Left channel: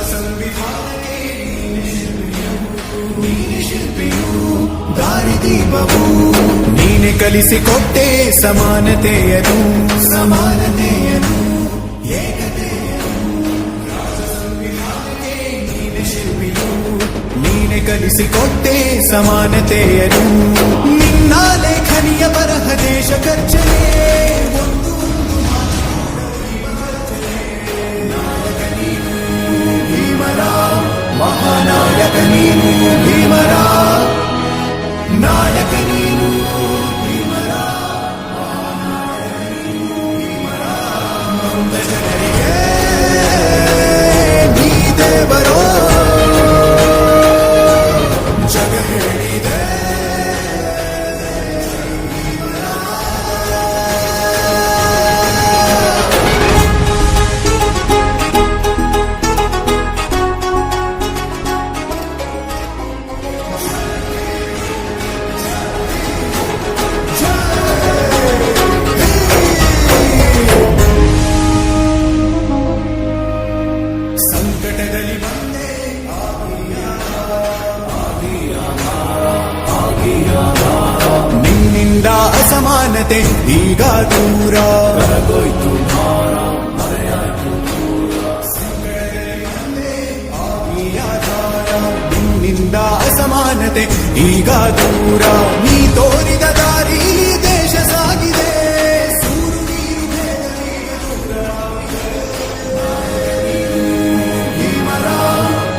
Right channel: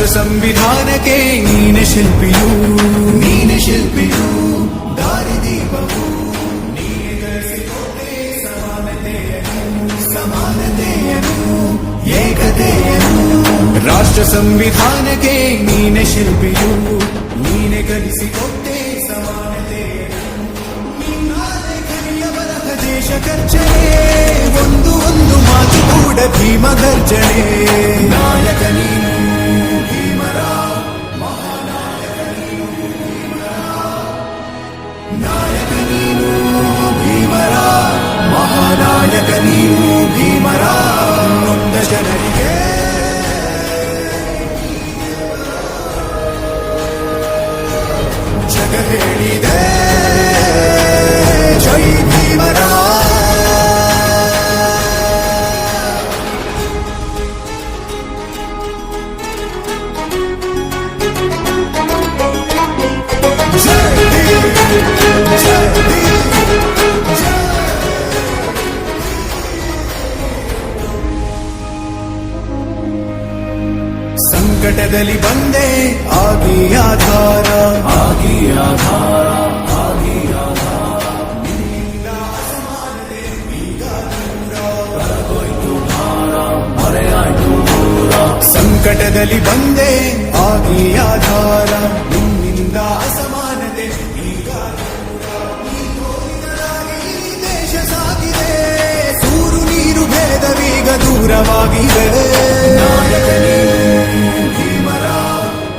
ರಾಷ್ಟ್ರ ಸಂವಿಧಾನಕ್ಕೆ ನೀನೆ ಶಿಲ್ಪಿಯು ದಾರಿದೀಪವು ನೀನೆ ಕಲಿಸಿಕೊಟ್ಟೆ ಸಮಾನತೆಯನು ಏಕತೆಯನು ರಾಷ್ಟ್ರ ಸಂವಿಧಾನಕ್ಕೆ ನೀನೆ ಶಿಲ್ಪಿಯು ನೀನೆ ಕಲಿಸಿಕೊಟ್ಟೆ ಸಮಾನತೆಯನು ನಿನ್ನ ಲೇಖನಿಯ ಬರಹ ದೇಶ ಖರ್ಚನೆ ಒಂದು ಮಾತು ಕೂಡ ಭೀಮ ಗರ್ಜನೆ ನಾಯಕ ನೀನು ಭೀಮರ ಮಹಾನಾಯಕ ನೀನು ಭೀಮರ ನಾಯಕ ನೀನು ಭೀಮರ ಮಹಾನಾಯಕ ನೀನು ಭೀಮರ ನೊಂದ ಜನರಿಗೆ ನೀ ದೇವರೋ ಜಗ ಹೇಳಿದೆ ಜೈ ಭೀಮರ ಸಂಕಟದಲ್ಲಿ ಬಂದೆ ಆಗಿ ಆಧಾರ ನಿನ್ನಿಂದ ಅಸಮಾನತೆ ಈಗ ದೂರ ಸಂಕಟದಲ್ಲಿ ಬಂದೆ ಆಗಿ ಆಧಾರ ನಿನ್ನಿಂದ ಅಸಮಾನತೆ ಈಗ ದೂರ ನೀ ತೋರಿದ ದಾರಿ ದೇಶ ಸಾಗಿದೆ ಸೂರು ನೀರು ಭೇದವೀಗ ದೂರವಾಗಿದೆ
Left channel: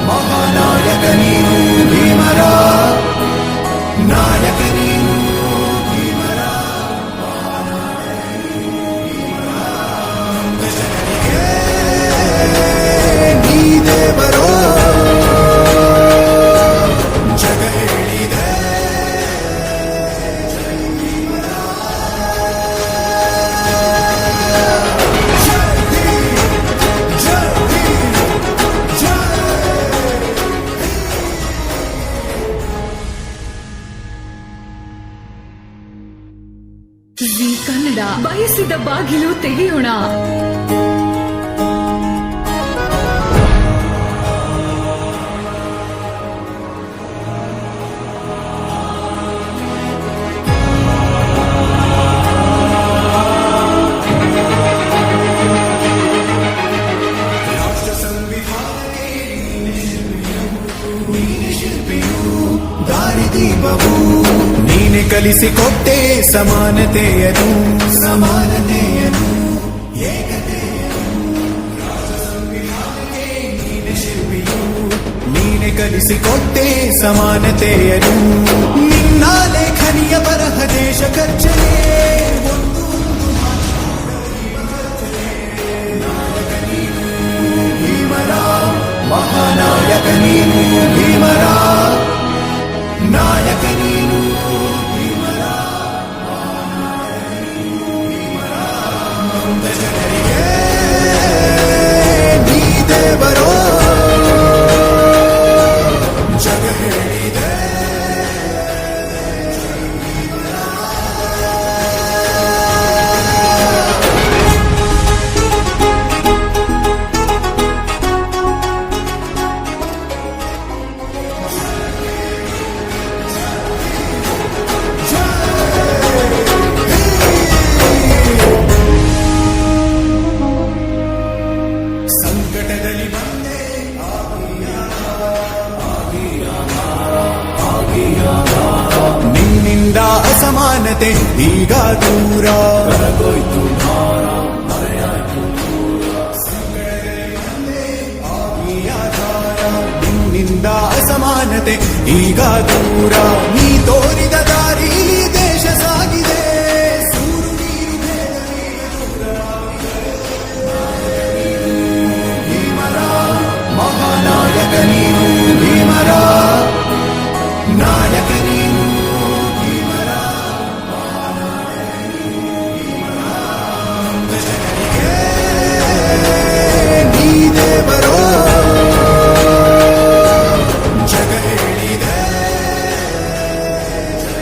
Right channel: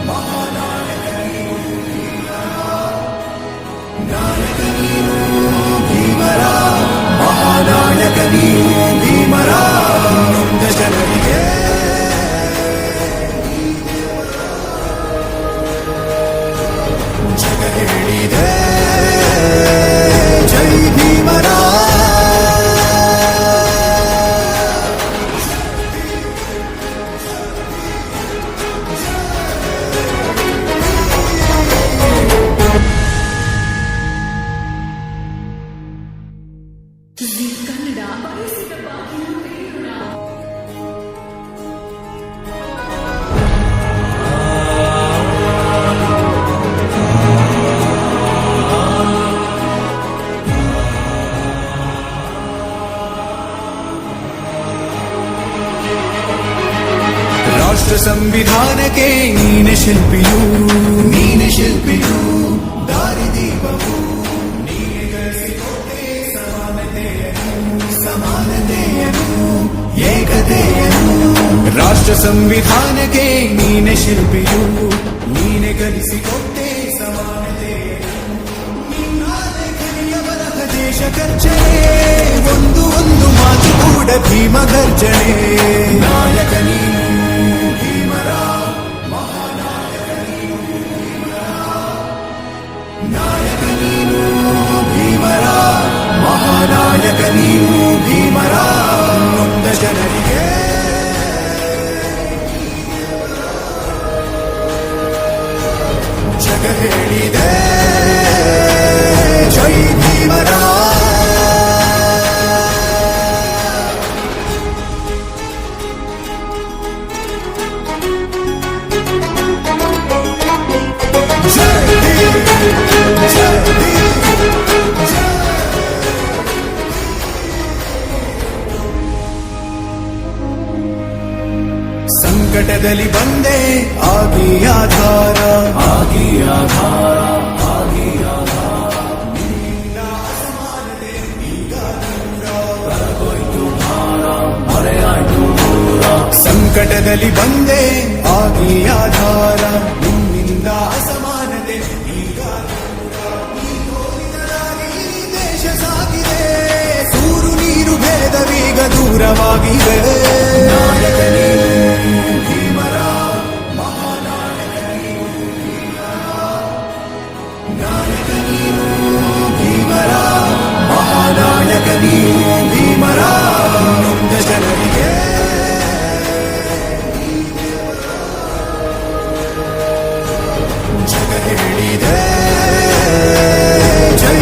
ಮಹಾನಾಯಕ ನೀನು ಭೀಮರ ನಾಯಕ ನೀನು ಭೀಮರ ಮಹಾನಾಯಕ ನೀನು ಭೀಮರ ನೊಂದ ಜನರಿಗೆ ನೀ ದೇವರೋ ಜಗ ಹೇಳಿದೆ ಜೈ ಭೀಮರ ಜಿ ಕನ್ನಡ ಬಯಸಿದ ಬಾಗಿಲು ತೆಗೆಯೋಣ. ರಾಷ್ಟ್ರ ಸಂವಿಧಾನಕ್ಕೆ ನೀನೆ ಶಿಲ್ಪಿಯು ದಾರಿದೀಪವು ನೀನೆ ಕಲಿಸಿಕೊಟ್ಟೆ ಸಮಾನತೆಯನು ಏಕತೆಯನು ರಾಷ್ಟ್ರ ಸಂವಿಧಾನಕ್ಕೆ ನೀನೆ ಶಿಲ್ಪಿಯು ನೀನೆ ಕಲಿಸಿಕೊಟ್ಟೆ ಸಮಾನತೆಯನು ನಿನ್ನ ಲೇಖನಿಯ ಬರಹ ದೇಶ ಖರ್ಚನೆ ಒಂದು ಮಾತು ಕೂಡ ಭೀಮ ಗರ್ಜನೆ ನಾಯಕ ನೀನು ಭೀಮರ ಮಹಾನಾಯಕ ನೀನು ಭೀಮರ ನಾಯಕ ನೀನು ಭೀಮರ ಮಹಾನಾಯಕ ನೀನು ಭೀಮರ ನೊಂದ ಜನರಿಗೆ ನೀ ದೇವರೋ ಜಗ ಹೇಳಿದೆ ಜೈ ಭೀಮರ ಸಂಕಟದಲ್ಲಿ ಬಂದೆ ಆಗಿ ಆಧಾರ ನಿನ್ನಿಂದ ಅಸಮಾನತೆ ಈಗ ದೂರ ಸಂಕಟದಲ್ಲಿ ಬಂದೆ ಆಗಿ ಆಧಾರ ನಿನ್ನಿಂದ ಅಸಮಾನತೆ ಈಗ ದೂರ ನೀ ತೋರಿದ ದಾರಿ ದೇಶ ಸಾಗಿದೆ ಸೂರು ನೀರು ಭೇದವೀಗ ದೂರವಾಗಿದೆ ಮಹಾನಾಯಕ ನೀನು ಭೀಮರ ನಾಯಕ ನೀನು ಭೀಮರ ಮಹಾನಾಯಕ ನೀನು ಭೀಮರ ನೊಂದ ಜನರಿಗೆ ನೀ ದೇವರೋ ಜಗ ಹೇಳಿದೆ ಜೈ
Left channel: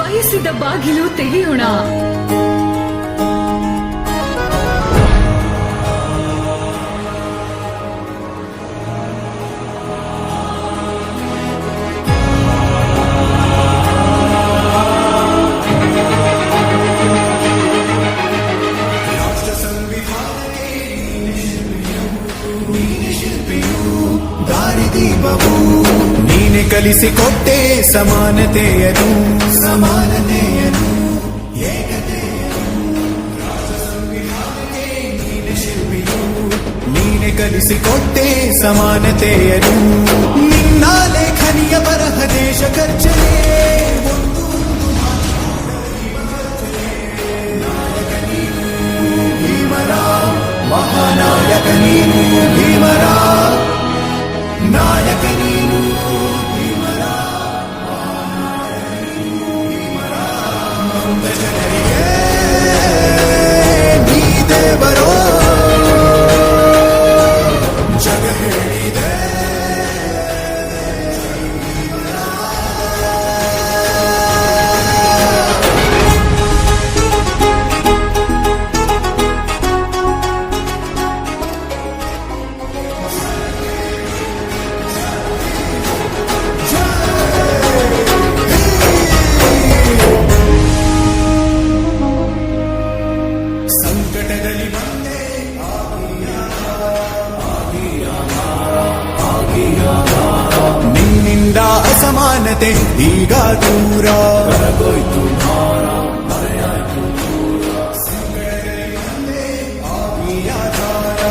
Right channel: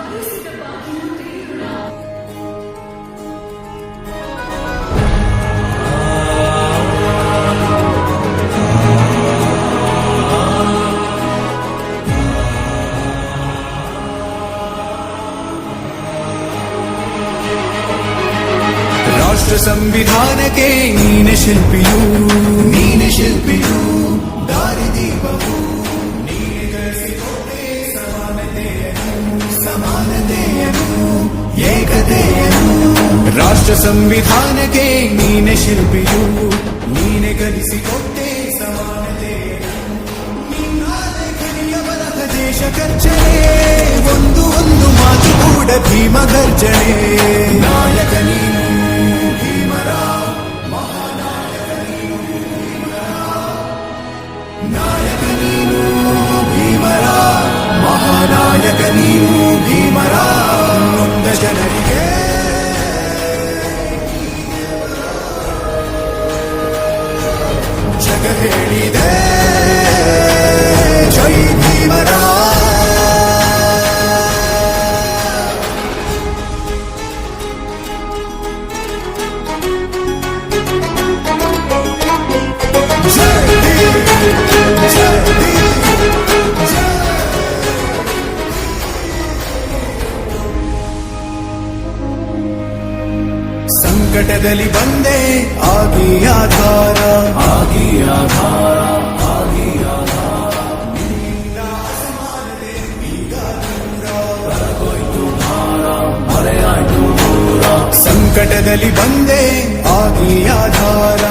ಬಯಸಿದ ಬಾಗಿಲು ತೆಗೆಯೋಣ. ರಾಷ್ಟ್ರ ಸಂವಿಧಾನಕ್ಕೆ ನೀನೆ ಶಿಲ್ಪಿಯು ದಾರಿದೀಪವು ನೀನೆ ಕಲಿಸಿಕೊಟ್ಟೆ ಸಮಾನತೆಯನ್ನು ಏಕತೆಯನ್ನು. ರಾಷ್ಟ್ರ ಸಂವಿಧಾನಕ್ಕೆ ನೀನೆ ಶಿಲ್ಪಿಯು ನೀನೆ ಕಲಿಸಿಕೊಟ್ಟೆ ಸಮಾನತೆಯನ್ನು. ನಿನ್ನ ಲೇಖನಿಯ ಬರಹ ದೇಶ ಗರ್ಜನೆ ಒಂದು ಮಾತು ಕೂಡ ಭೀಮ ಗರ್ಜನೆ. ನಾಯಕ ನೀನು ಭೀಮರ ಮಹಾನಾಯಕ ನೀನು ಭೀಮರ ನಾಯಕ ನೀನು ಭೀಮರ ಮಹಾನಾಯಕ ನೀನು ಭೀಮರ. ನೊಂದ ಜನರಿಗೆ ನೀ ದೇವರೋ ಜಗ ಹೇಳಿದೆ ಜೈ ಭೀಮರ. ಸಂಕಟದಲ್ಲಿ ಬಂದೆ ಆಗಿ ಆಧಾರ ನಿನ್ನಿಂದ ಅಸಮಾನತೆ ಈಗ ದೂರ. ಸಂಕಟದಲ್ಲಿ ಬಂದೆ ಆಗಿ ಆಧಾರ